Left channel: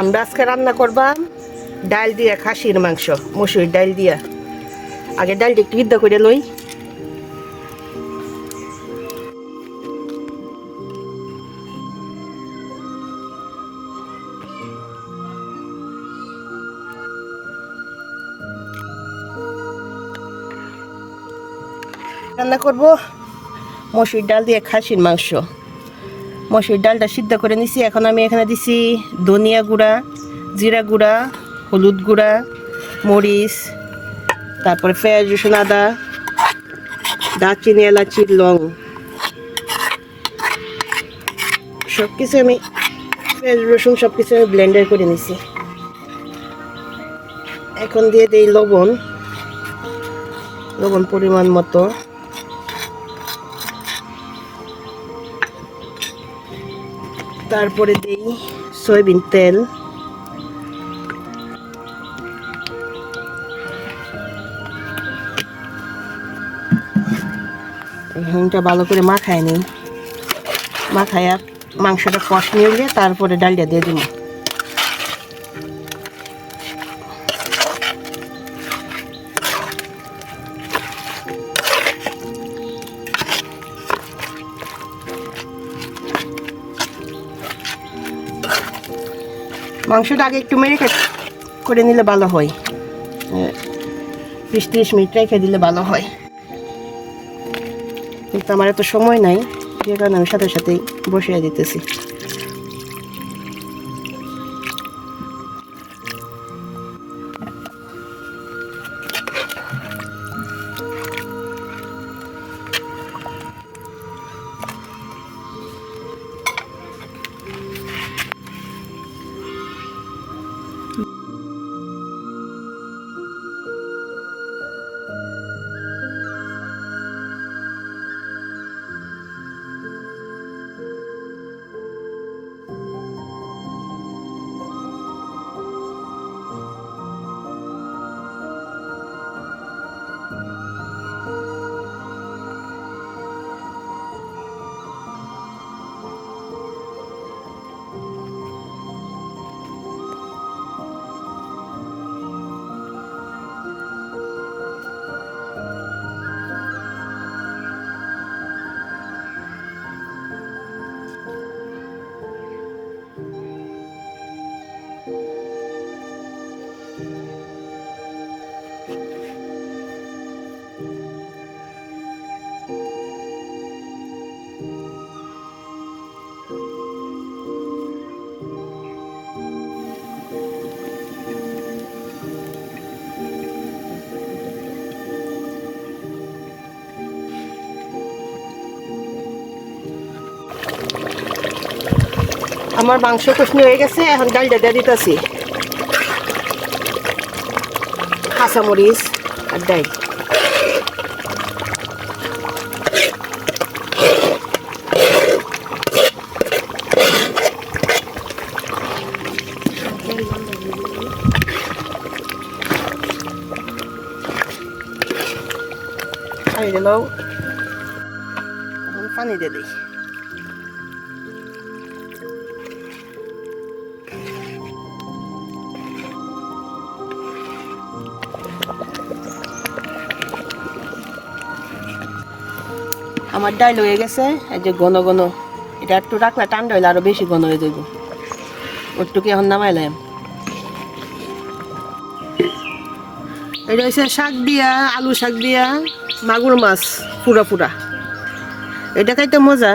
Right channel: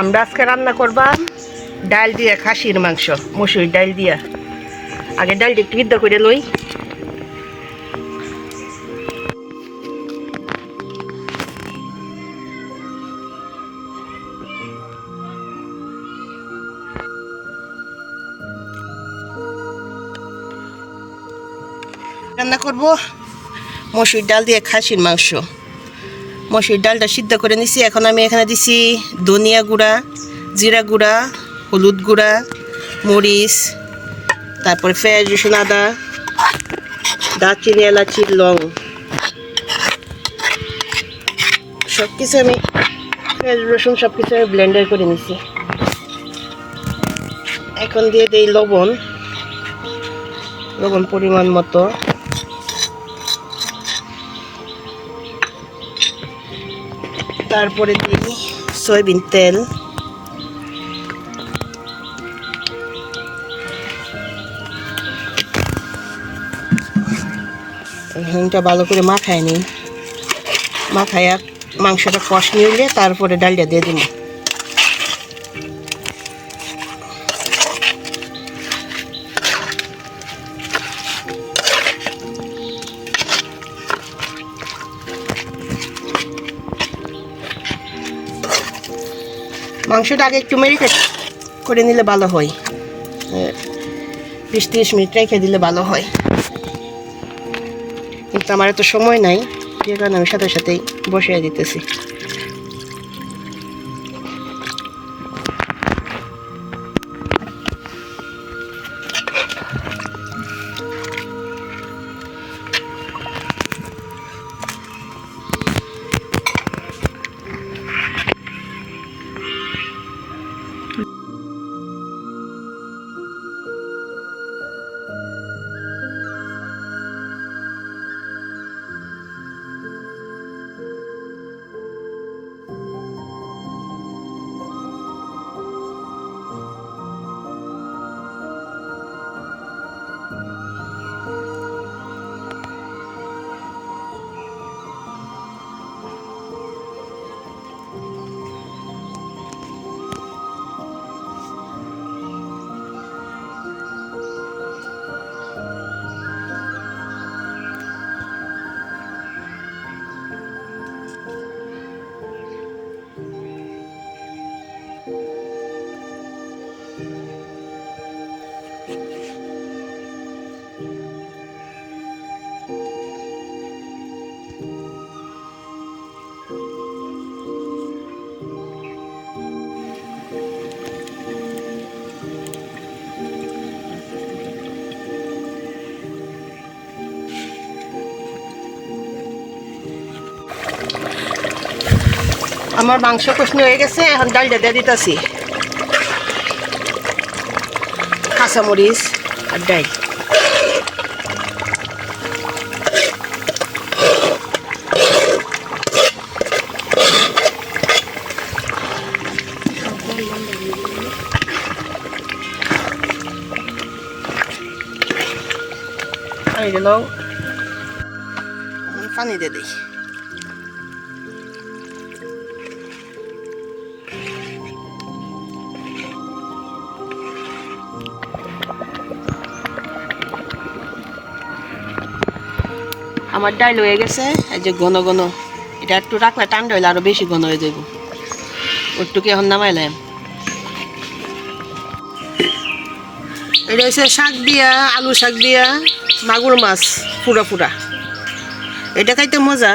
আমরা আজকে রান্না করবা ডাল দিয়া খাসির মাংস, মসুর ডাল দিয়া। আগে ডালটা একটু সিদ্ধ করে লই। রান্না করব মসুর ডাল দিয়ে খাসির মাংস। মসুর ডালটা সিদ্ধ করে নিছি। এখন আমি এখানে দিছি ধনিয়া গুঁড়া, জিরা গুঁড়া, হলুদ গুঁড়া, মরিচ, তারপরে পেঁয়াজ, রসুন, আদা, দারচিনি, এলাচি, লং, সব কিছু আমি পেঁয়াজ রসুন সব কিছু আমি ব্লেন্ডার করে নিছি। এখন দিয়ে দিই লবণ পরিমাণ মতো। তারপরে দিই সয়াবিন তেল, এখানটা ভালো করে মাখায় নিই। মাখাইয়া মাংসটা কষ নিয়ে তারপরে ডালটা দিয়ে দিই। মাংসটা আগে একটু মেরিনেট করে নিলে ভালো হয়, 20-30 মিনিট রেখে দিলে ভালো হয়। কিন্তু আমার এত সময় নাই, যে কারণে আমি সাথে সাথেই বসিয়ে দিতেছি। আমার মাংস কষনি হয়ে গেছে। এখন ডালটা দিয়ে দিতেছি, কাঁচামরিচ আর ডাল। পানি দিয়ে দিই। আমার ডাল হয়ে গেছে, এই যে ঘন ঘন। এটা একটু রাখলে ঠান্ডা হইলে আরো বেশি ঘন হয়ে যাইব। একটু কি এখন নামাইলাম। এটা হচ্ছে শাক দিয়া, আলু শাক দিয়া মাগুর মাছ পুরা পুরা। এটা খাইতে মজা।